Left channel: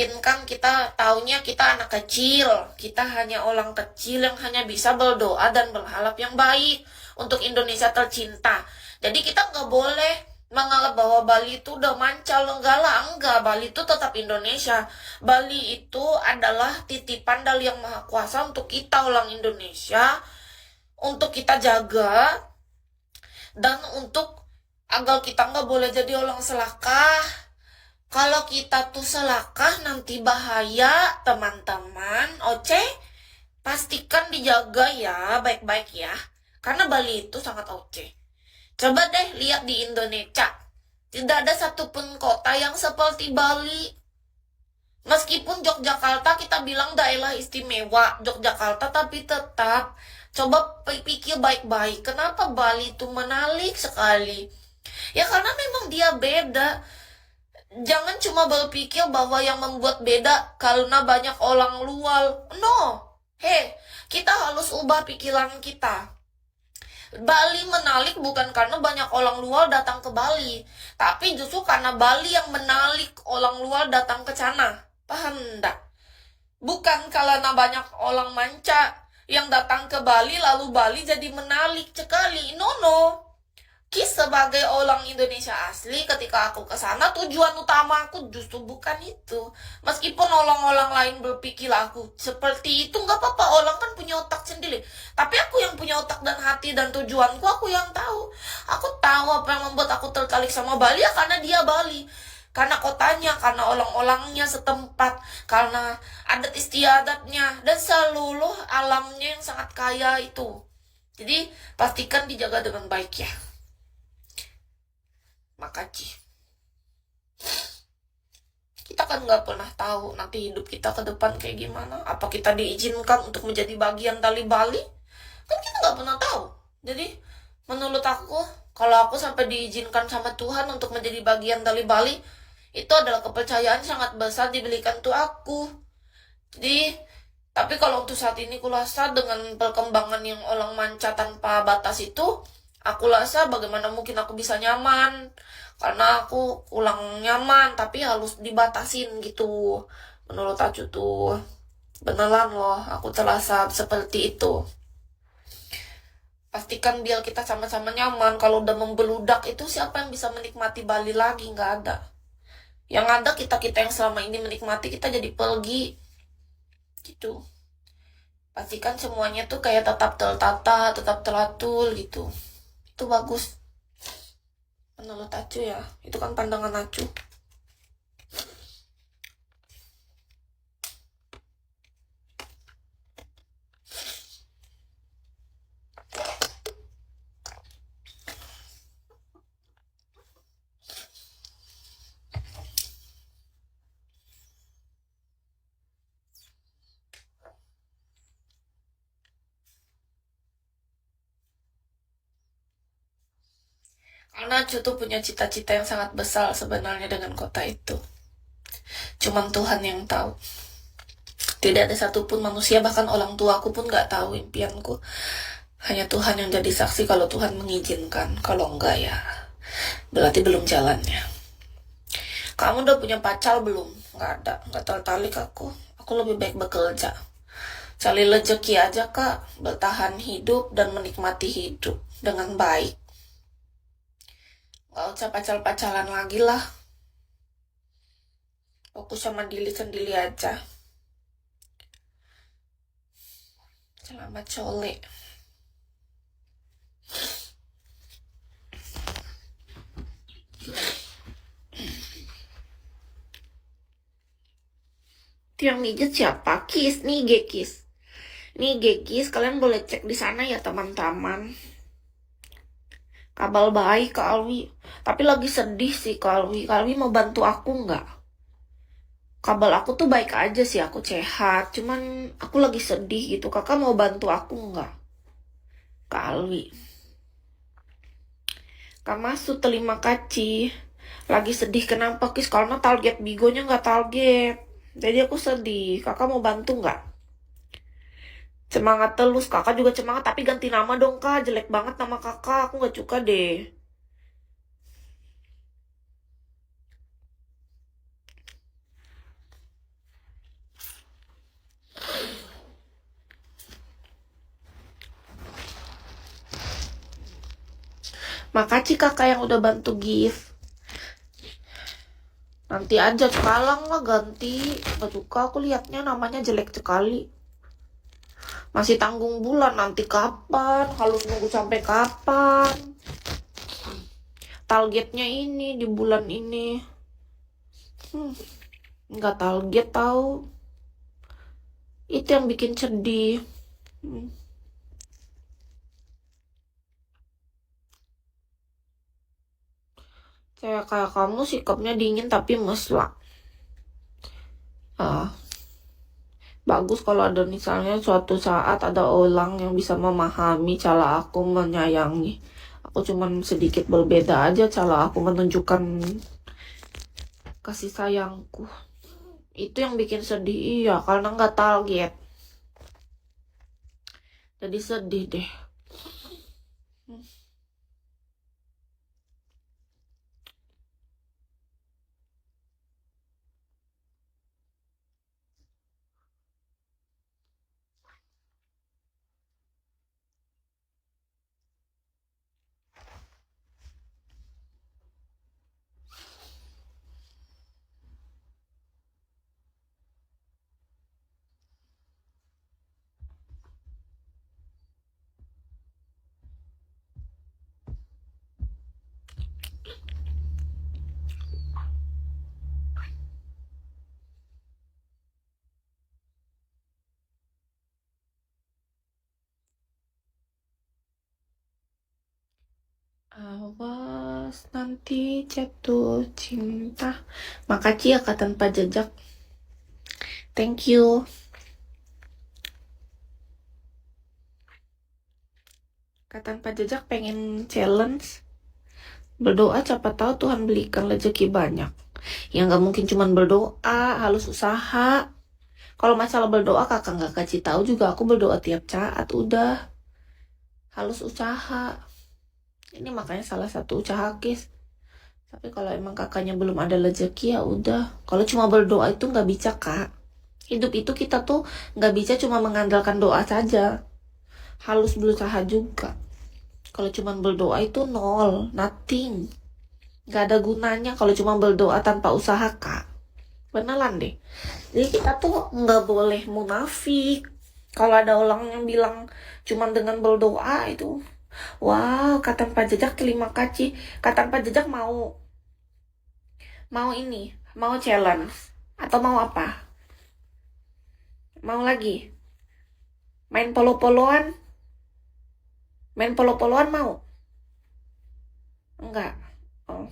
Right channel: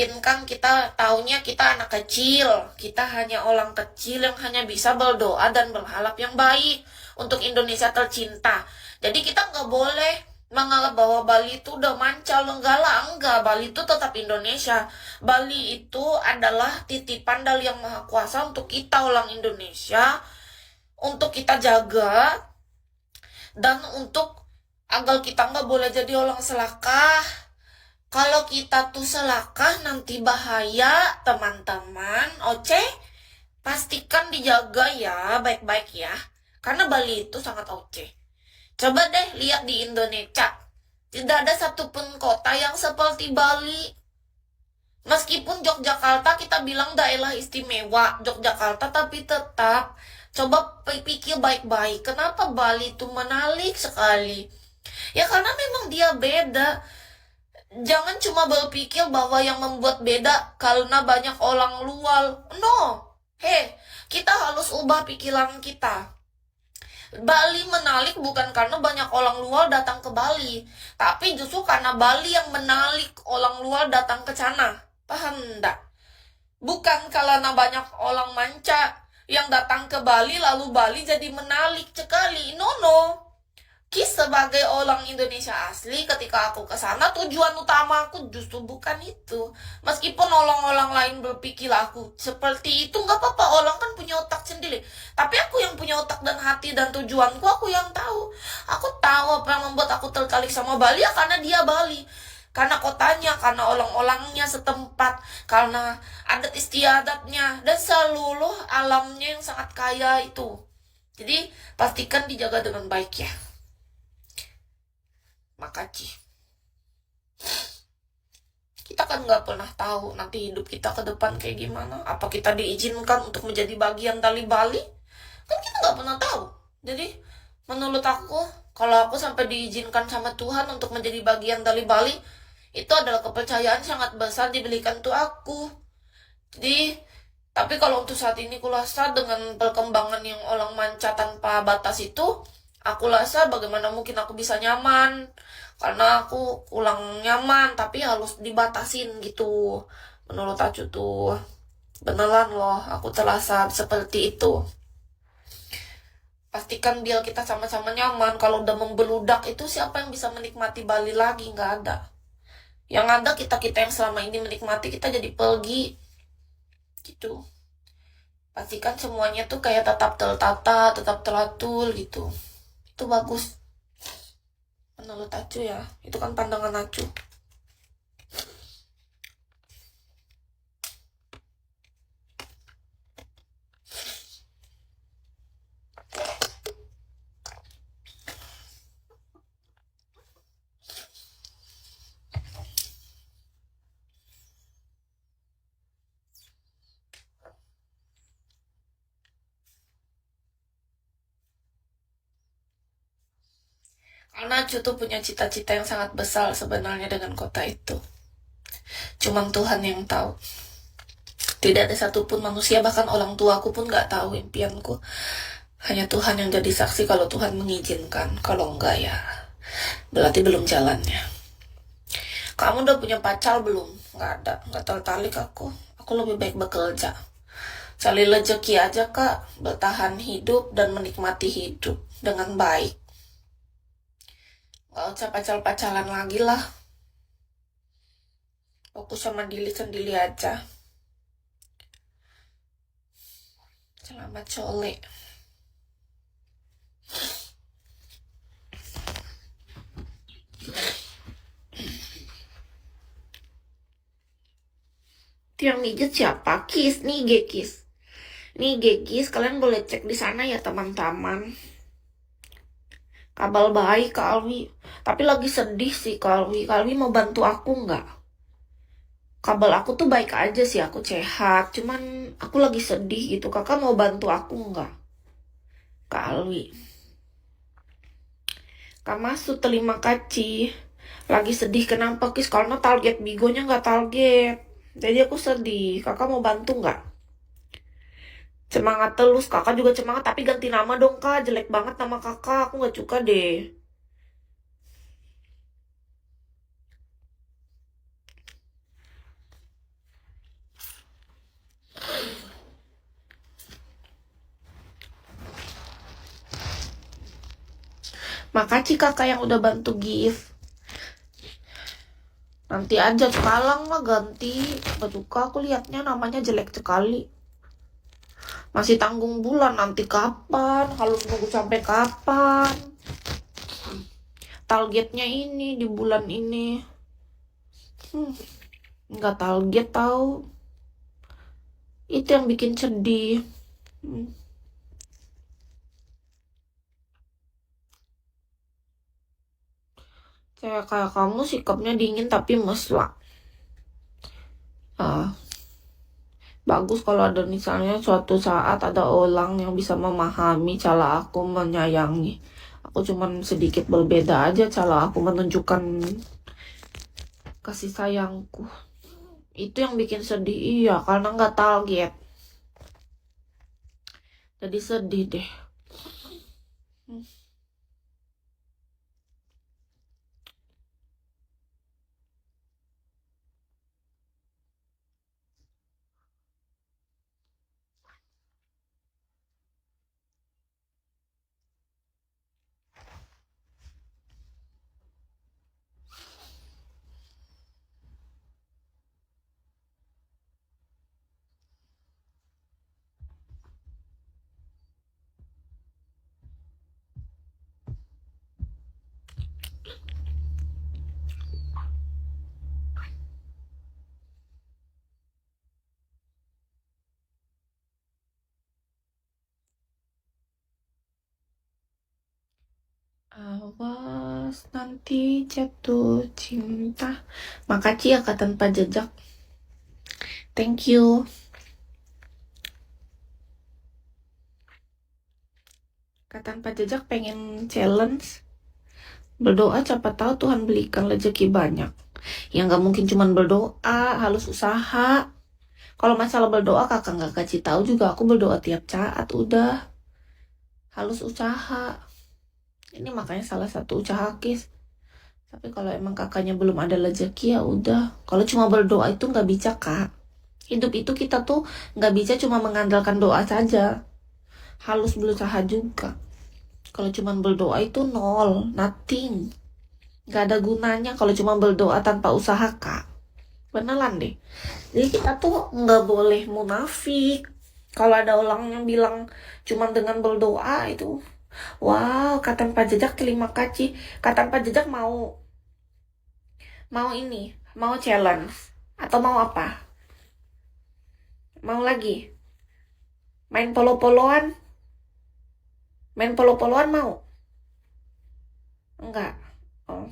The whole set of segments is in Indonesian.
Filipin kan kita taunya kita anak kecil. Kita hanya orang kecil yang hanya bisa berdoa dan berharap yang baik untuk Indonesia tercinta. Jadi kita nggak boleh menganggap bahwa Bali itu udah mancal, enggak lah, enggak. Bali itu tetap Indonesia. Bali itu adalah titipan dari Yang Maha Kuasa untuk kita orang Indonesia, untuk kita jaga, dan untuk agar kita nggak boleh jadi orang selakah. Kalau kita tuh selakah nanti bahaya, teman-teman. Oce, pastikan dijaga ya, baik-baik ya. Karena Bali itu sangat oce. Coba deh lihat di Indonesia. Tidak ada satupun kota yang seperti Bali. Meskipun Yogyakarta kita bilang daerah istimewa, Yogyakarta, tapi tetap coba pikir baik-baik. Kenapa Bali itu menarik sekali? Ya karena memang dia beda. Jangan cuma berpikir bahwa yang membuat beda karena banyak orang luar. No. Kita harus ubah pikiran kita. Bali menarik bukan karena banyak orang luar datang ke Bali, tapi justru karena Bali yang menarik orang luar datang ke sana. Paham enggak? Bukan karena banyak orang manca yang datang ke Bali lalu Bali jadi menarik sekali. No. Sebagai orang Indonesia asli, ketika aku ke sana tujuan utama aku justru bukan itu. Meskipun orang-orang lain berpikir aku seperti itu, nggak apa-apa, orang kan punya otak sendiri. Tapi aku yang punya otak dan hati dan tujuanku, aku yang tahu. Aku tahu apa yang membuat aku tertarik sama Bali ya karena dia Bali. Karena kotanya, karena orang-orangnya setempat, karena adat istiadatnya, dan seluruh alamnya yang sangat kaya itu. Jadi pastikan dijaga dengan baik ya. Makasih. Kita kan nggak pernah tahu nanti hidup kita ke depan kayak gimana. Apa kita diizinkan untuk menjadi bagian dari Bali? Kan kita nggak pernah tahu. Jadi menurut aku, kalau aku sampai diizinkan sama Tuhan untuk menjadi bagian dari Bali, itu adalah kepercayaan sangat besar diberikan tuh aku. Jadi, tapi kalau untuk saat ini aku rasa dengan perkembangan yang orang manca tanpa batas itu, aku rasa bagaimana mungkin aku bisa nyaman. Karena aku kurang nyaman, tapi harus dibatasin gitu. Menurut aku tuh, beneran loh, aku terasa seperti itu. Pastikan biar kita sama-sama nyaman. Kalau udah membeludak itu siapa yang bisa menikmati Bali lagi? Nggak ada. Yang ada kita-kita yang selama ini menikmati, kita jadi pergi. Gitu. Pastikan semuanya tuh kayak tetap tertata, tetap teratur gitu. Itu bagus. Menurut Acu ya, itu kan pandangan Acu. Karena Acu tuh punya cita-cita yang sangat besar sebenarnya dengan kota itu. Cuman Tuhan yang tahu. Tidak ada satupun manusia, bahkan orang tuaku pun gak tahu impianku. Hanya Tuhan yang jadi saksi kalau Tuhan mengizinkan. Kalau enggak ya, berarti belum jalannya. Kamu udah punya pacar belum? Gak ada, gak tertarik aku. Aku lebih baik bekerja. Cari rezeki aja kak, bertahan hidup dan menikmati hidup dengan baik. Gak usah pacar-pacaran lagi lah. Fokus sama diri sendiri aja. Selamat sore. Itu yang mijet siapa? Kis, nih Gekis. Nih Gekis, kalian boleh cek di sana ya teman-teman. Kabar baik Kak Alwi. Tapi lagi sedih sih Kak Alwi. Kak Alwi mau bantu aku nggak? Kabar aku tuh baik aja sih, aku sehat. Cuman aku lagi sedih gitu. Kakak mau bantu aku nggak? Kak Alwi. Kak Masud terima kasih. Lagi sedih kenapa Kis? Karena target bigonya nggak target. Jadi aku sedih. Kakak mau bantu nggak? Semangat terus. Kakak juga semangat. Tapi ganti nama dong kak. Jelek banget nama kakak. Aku nggak suka deh. Makasih kakak yang udah bantu gift. Nanti aja sekarang lah ganti. Gak suka aku liatnya namanya jelek sekali. Masih tanggung bulan, nanti kapan? Harus nunggu sampai kapan? Targetnya ini di bulan ini. Nggak target tahu. Itu yang bikin sedih. Kayak kamu sikapnya dingin tapi mesra. Bagus kalau ada misalnya suatu saat ada orang yang bisa memahami cara aku menyayangi. Aku cuman sedikit berbeda aja cara aku menunjukkan kasih sayangku. Itu yang bikin sedih, iya, karena nggak target. Jadi sedih deh. Awas nanti jatuh cinta. Makasih ya kak tanpa jejak. Thank you. Kak tanpa jejak pengen challenge. Berdoa siapa tahu Tuhan belikan rezeki banyak. Ya nggak mungkin cuman berdoa, harus usaha. Kalau masalah berdoa kakak nggak kasih tahu juga, aku berdoa tiap saat udah. Harus usaha. Ini makanya salah satu usaha kis. Tapi kalau emang kakaknya belum ada rezeki ya udah. Kalau cuma berdoa itu nggak bisa kak. Hidup itu kita tuh nggak bisa cuma mengandalkan doa saja. Harus berusaha juga. Kalau cuma berdoa itu nol, nothing. Nggak ada gunanya kalau cuma berdoa tanpa usaha kak. Beneran deh. Jadi kita tuh nggak boleh munafik. Kalau ada orang yang bilang cuma dengan berdoa itu, wow, kata Pak Jejak terima kasih. Kata Pak Jejak mau ini, mau challenge atau mau apa? Mau lagi? Main polo-poloan? Main polo-poloan mau? Enggak. Oh.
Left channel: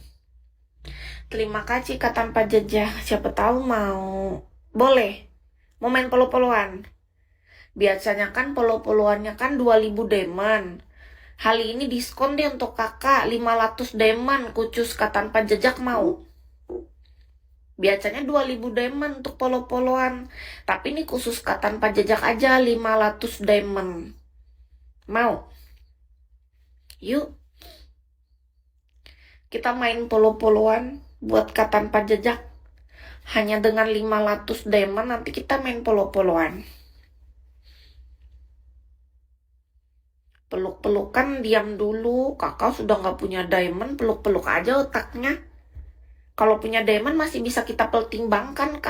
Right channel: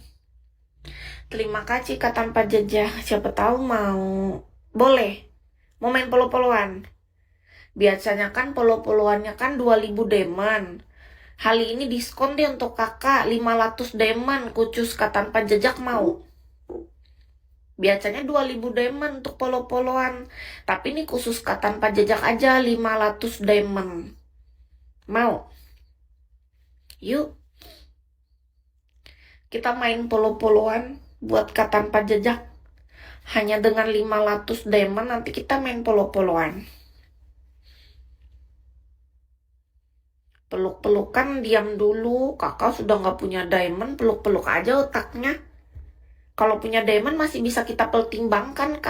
Terima kasih kata Pak Jejak. Siapa tahu mau. Boleh. Mau main polo-poloan? Biasanya kan polo-poloannya kan 2000 deman. Hari ini diskon deh untuk kakak 500 deman kucus kata tanpa jejak mau. Biasanya 2000 deman untuk polo-poloan. Tapi ini khusus kata tanpa jejak aja 500 deman. Mau? Yuk. Kita main polo-poloan buat kata tanpa jejak. Hanya dengan 500 deman nanti kita main polo-poloan. Peluk-pelukan diam dulu. Kakak sudah nggak punya diamond, peluk-peluk aja otaknya. Kalau punya diamond masih bisa kita pertimbangkan kak.